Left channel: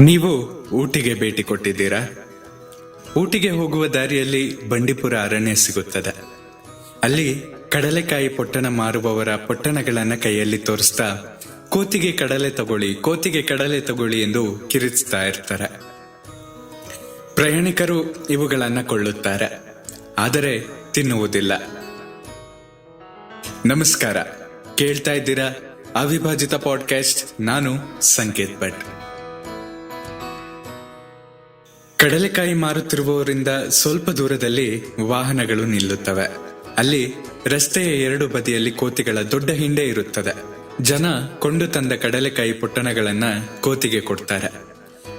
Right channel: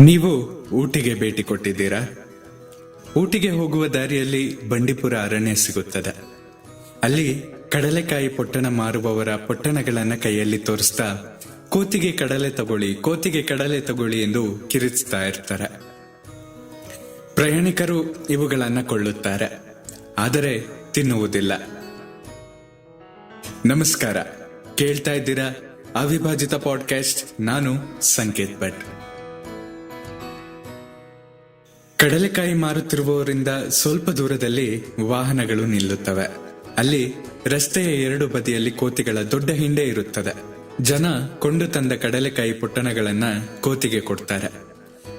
ನೀವು ಊಟಿಗೆ ಭೇಟಿ ಕೊಟ್ಟಿದ್ದೀರಾ? ಊಟಿಗೆ ಹೋಗುವ ದಾರಿಯಲ್ಲಿ ಬಂಡೀಪುರ ಅರಣ್ಯ ಸಿಗುತ್ತದೆ. ಅಲ್ಲಿ ಕಡಲೆಕಾಯಿ ಪೊಟ್ಟಣ ಮಾರುವವರ ಪೊಟ್ಟಣಗಳನ್ನ ಕೈಯಲ್ಲಿ ತೋರಿಸ್ತಾ ಕೋತಿಗೆ ಕಡಲೆ ತಗೊಳ್ಳಿ, ಕೋತಿಗೆ ಕಡಲೆ ತಗೊಳ್ಳಿ ಎಂದು ಕಿರಿಚ್ತಾ ಇರ್ತಾರೆ. ಪ್ರಯಾಣಿಕರು ಇವುಗಳನ್ನ ಕೊಳ್ಳುತ್ತಾರೆ, ಆದರೆ ತಿನ್ನುವುದಿಲ್ಲ. ನಮಸ್ಕಾರ, ಕೇಳ್ತಾ ಇದ್ದೀರಾ ಅವಿಭಾಜಿತ ಪಾಡ್ಕಾಸ್ಟ್. ನಾನು ಸಂಕೇತ್ ಭಟ್. ಕಡಲೆಕಾಯಿ ಮಾರುತ್ತಿರುವವರಿಂದ ಸ್ವಲ್ಪ ದೂರದಲ್ಲಿ ವಾಹನಗಳು ನಿಲ್ಲುತ್ತವೆ. ಅಲ್ಲಿ ರಸ್ತೆಯ ಎರಡು ಬದಿಯಲ್ಲಿ ಕೋತಿಗಳ ದೊಡ್ಡ ಹಿಂಡೆ ಇರುತ್ತದೆ. ಜನ ಕೊಂಡು ತಂದ ಕಡಲೆಕಾಯಿ ಪೊಟ್ಟಣಗಳನ್ನ ಕೋತಿಗೆ ಕೊಡ್ತಾರೆ.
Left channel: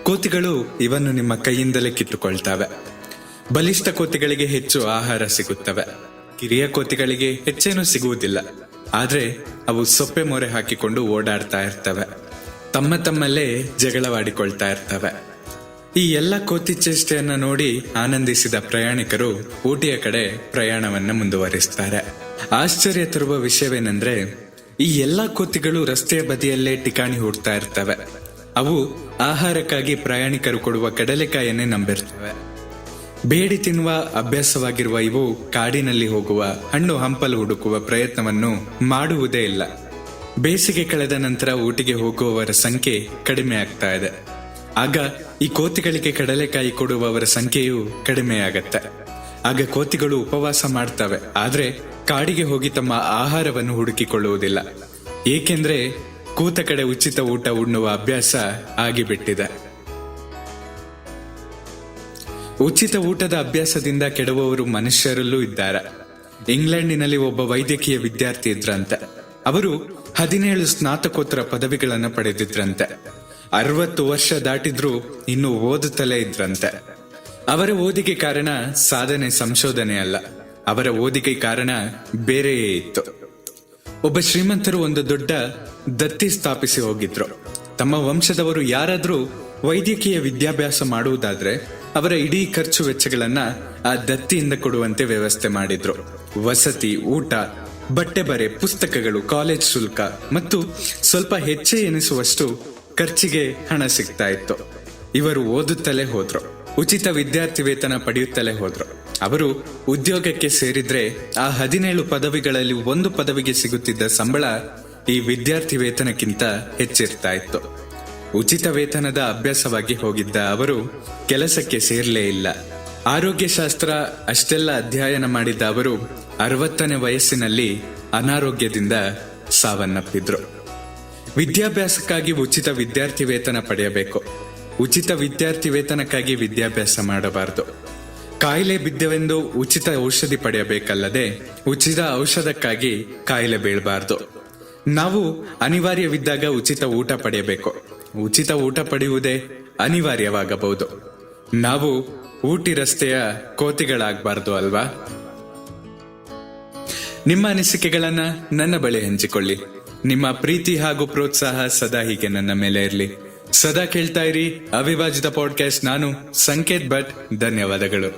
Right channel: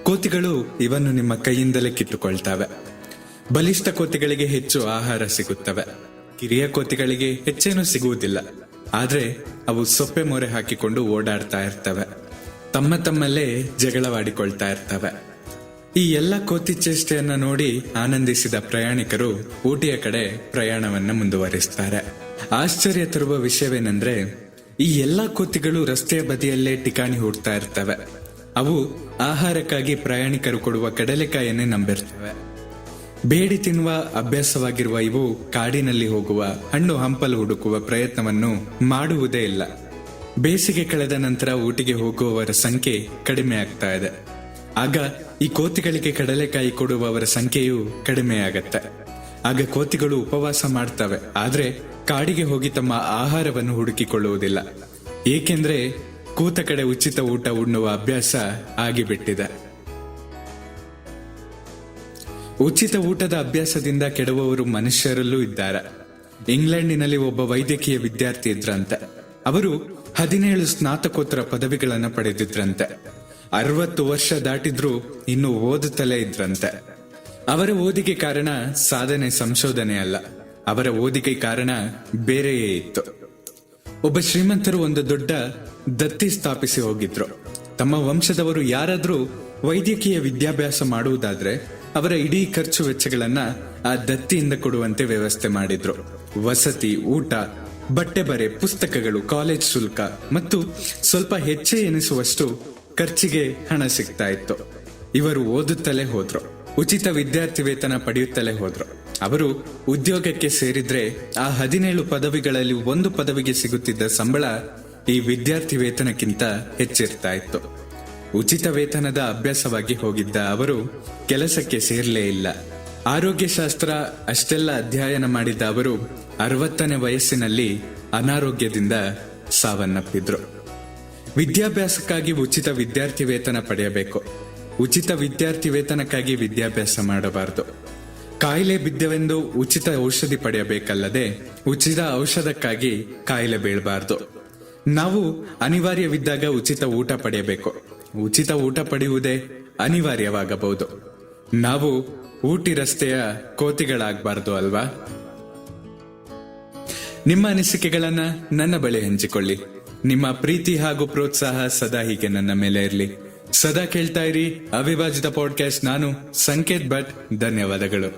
ಕೋತಿಗಳು ಇವನ್ನು ನಿಮ್ಮ ಕೈಯಿಂದಲೇ ಕಿತ್ತುಕೊಳ್ತವೆ. ಬಲಿಷ್ಠ ಕೋತಿಗಳಿಗೆ ಹೆಚ್ಚು ಆಹಾರ ಸಿಗುತ್ತವೆ. ಕಿರಿಯ ಕೋತಿಗಳಿಗೆ ಹೆಚ್ಚೇನೂ ಸಿಗುವುದಿಲ್ಲ. ಆದ್ರೆ ಅವು ಸೊಪ್ಪೆ ಮೊರೆ ಹಾಕಿಕೊಂಡು ಓಡಾಡ್ತಾ ಇರ್ತವೆ. ತಮ್ಮಲ್ಲೇ ಜಗಳವಾಡಿಕೊಳ್ತಾ ಇರ್ತವೆ. ಈ ಎಲ್ಲ ಕೋತಿ ಚೇಷ್ಟೆಯನ್ನ ನೋಡಿ ಆನಂದಿಸಿದ ಪ್ರಯಾಣಿಕರು ಊಟಿಯ ಕಡೆ ಪ್ರಯಾಣವನ್ನ ಮುಂದುವರಿಸ್ತಾರೆ. ಆಶ್ಚರ್ಯ ತರುವ ವಿಷಯವೇನೆಂದ್ರೆ, ಈ ಎಲ್ಲಾ ಕೋತಿಗಳು ರಸ್ತೆಯ ಬದಿಯಲ್ಲೇ ಠಿಕಾಣಿ ಹೂಡ್ತಾ ಇರ್ತವೆ. ಅವು ಆಹಾರಕ್ಕಾಗಿ ಪ್ರಯಾಣಿಕರು ಕೊಡುವ ಕಡಲೆಕಾಯನ್ನೇ ನಂಬಿರ್ತವೆ. ಬೇಡಿ ತಿನ್ನುವ ಅಭ್ಯಾಸವಾಗಿರುವ ಇವು ಕಾಡಿನಲ್ಲಿ ಹೋಗುವ ಹಣ್ಣು ಹಂಪಲು ಹುಡುಕುವ ಪ್ರಯತ್ನವನ್ನು ಮಾಡುವುದೇ ಇಲ್ಲ. ಬೇಸಿಗೆ ಕಳೆದ ನಂತರ ಊಟಿಗೆ ಹೋಗುವವರ ಸಂಖ್ಯೆ ಕಡಿಮೆ ಆಗ್ತಾ ಇದೆ. ಆಗ ಈ ಕೋತಿಗಳಿಗೆ ಕಡಲೆಕಾಯಿ ಕೊಡುವವರ ಸಂಖ್ಯೆಯು ಕಡಿಮೆಯಾಗತ್ತೆ. ಆಗ ಕೋತಿಗಳು ಉಪವಾಸ ಮಾಡ್ತವೆ, ಆದ್ರೆ ಕಾಡಿಗೆ ಹೋಗಿ ತಮ್ಮ ಆಹಾರವನ್ನು ಹುಡುಕಿಕೊಳ್ಳುವುದಿಲ್ಲ. ಏಕೆಂದ್ರೆ ಕೂತ ಕಡೆ ಉಚಿತ ಊಟ ಉಣ್ಣುವ ಅಭ್ಯಾಸ ಆಗಿಬಿಟ್ಟಿದೆ. ಉಚಿತ ಊಟದ ಅಭ್ಯಾಸದಿಂದ ಕೆಡುವವರು ಮನುಷ್ಯರಲ್ಲೂ ಇದ್ದಾರೆ. ಇಂಗ್ಲೆಂಡಿನಲ್ಲಿ ಒಬ್ಬ ವೈದ್ಯಕೀಯ ವಿದ್ಯಾರ್ಥಿ ಇದ್ರಂತೆ. ಅವರು 17 ಸ್ನಾತಕೋತ್ತರ ಪದವಿಗಳನ್ನು ಪಡೆದಿದ್ರಂತೆ. 60 ವರ್ಷ ದಾಟಿದ್ರೂ ಇನ್ನೂ ಓದುತ್ತಲೇ ಇದ್ರಂತೆ. ಅವರ ಓದಿಗೆ ಕಾರಣ ಸಾಧನೆ, ಸಂಶೋಧನೆ ಅಲ್ಲ. ಅವರ ಓದಿಗೆ ಕಾರಣ ಬೇರೆಯೇ ಇತ್ತು. ಒಬ್ಬ ಶ್ರೀಮಂತರು ಒಂದು ದೊಡ್ಡ ದತ್ತಿ ಸ್ಥಾಪಿಸಿ ಹೋಗಿದ್ರು. ತಮ್ಮ ವಂಶದವರು ಯಾರಾದ್ರೂ ವೈದ್ಯಕೀಯ ವಿದ್ಯಾಭ್ಯಾಸ ಮಾಡುವುದಾದ್ರೆ ಅವರ ಇಡೀ ಖರ್ಚು ವೆಚ್ಚಗಳನ್ನ ಆ ದತ್ತಿಯಿಂದ ಕೊಡುವಂತೆ ವ್ಯವಸ್ಥೆ ಮಾಡಿದ್ರು. ವಸತಿ, ಊಟ, ಬಟ್ಟೆ ಬರೆ, ಪುಸ್ತಕಗಳು, ಕಾಲೇಜ್ ಶುಲ್ಕ ಮತ್ತು ಸ್ವಲ್ಪ ಹೆಚ್ಚೇ ಎನಿಸುವಷ್ಟು ಖರ್ಚಿಗೆ ಹಣ ಸಿಗ್ತಾ ಇತ್ತು. ಇವರು ಓದುತ್ತಲೇ ಹೋದ್ರು. ಉಚಿತ ವಿದ್ಯಾರ್ಥಿ ವೇತನ ಪಡೆಯುತ್ತಲೇ ಹೋದ್ರು. ಅವರು ಉದ್ಯೋಗಕ್ಕೆ ಸೇರಿದ್ರೆ ಆ 17 ಪದವಿಗಳಲ್ಲಿ ಒಂದು ಪದವಿಗೆ ಸಿಗುತ್ತಿದ್ದ ಸಂಬಳ ಈ ವಿದ್ಯಾರ್ಥಿ ವೇತನಕ್ಕಿಂತ ಹೆಚ್ಚಿರ್ತಾ ಇತ್ತು. ಉಚಿತ ವೇತನದ ಅಭ್ಯಾಸವಾಗಿ ಹೋಗಿದ್ದ ಅವರು ಕೆಲಸಕ್ಕೆ ಸೇರ್ಲೇ ಇಲ್ಲ. ಆರೋಗ್ಯಶಾಸ್ತ್ರ ಅಷ್ಟೆಲ್ಲ ಅಧ್ಯಯನ ಮಾಡಿದ್ದ ಅವರು 60ನೇ ವಯಸ್ಸಿನಲ್ಲಿ ಅನಾರೋಗ್ಯದಿಂದ ಸಾವನ್ನಪ್ಪಿದ್ರು. ವಿದ್ಯಾಭ್ಯಾಸಕ್ಕಾಗಿ ಉಚಿತ ವಿದ್ಯಾರ್ಥಿ ವೇತನ ಪಡೆಯಬೇಕು. ಉಚಿತ ವಿದ್ಯಾರ್ಥಿ ವೇತನಕ್ಕಾಗಿ ವಿದ್ಯಾಭ್ಯಾಸ ಮಾಡಬಾರದು. ಕಾಯಿಲೆ ಬಿದ್ದವೆಂದು ಉಚಿತ ಔಷಧಿ ಪಡೆಯಬೇಕಲ್ಲದೆ ಉಚಿತ ಔಷಧಕ್ಕಾಗಿ ಕಾಯಿಲೆ ಬೀಳಬಾರದು. ನಾವು ಅನಿವಾರ್ಯವಿದ್ದಾಗ ಉಚಿತ ಊಟ ಪಡೆಯಬೇಕು. ಉಚಿತ ಊಟ ಪಡೆಯುವುದೇ ಅನಿವಾರ್ಯವಾಗಬಹುದು. ನಾವು ಊಟಿ ರಸ್ತೆಯ ಕೋತಿಗಳಾಗಬಾರದು ಅಲ್ವಾ? ನಿಮ್ಮ ಅನಿಸಿಕೆಗಳನ್ನ ನನ್ನ ಬಳಿ ಹಂಚಿಕೊಳ್ಳಿ. ನಿಮ್ಮ ಪ್ರೀತಿ ಹಾಗೂ ಪ್ರೋತ್ಸಾಹ ಸದಾ ಹೀಗೆ ನನ್ನ ಮೇಲೆ ಇರಲಿ. ಸದಾ ಕೇಳ್ತಾ ಇರಿ ಅವಿಭಾಜಿತ ಪಾಡ್ಕಾಸ್ಟ್. ನಾನು ಸಂಕೇತ್ ಭಟ್. ಧನ್ಯವಾದಗಳು.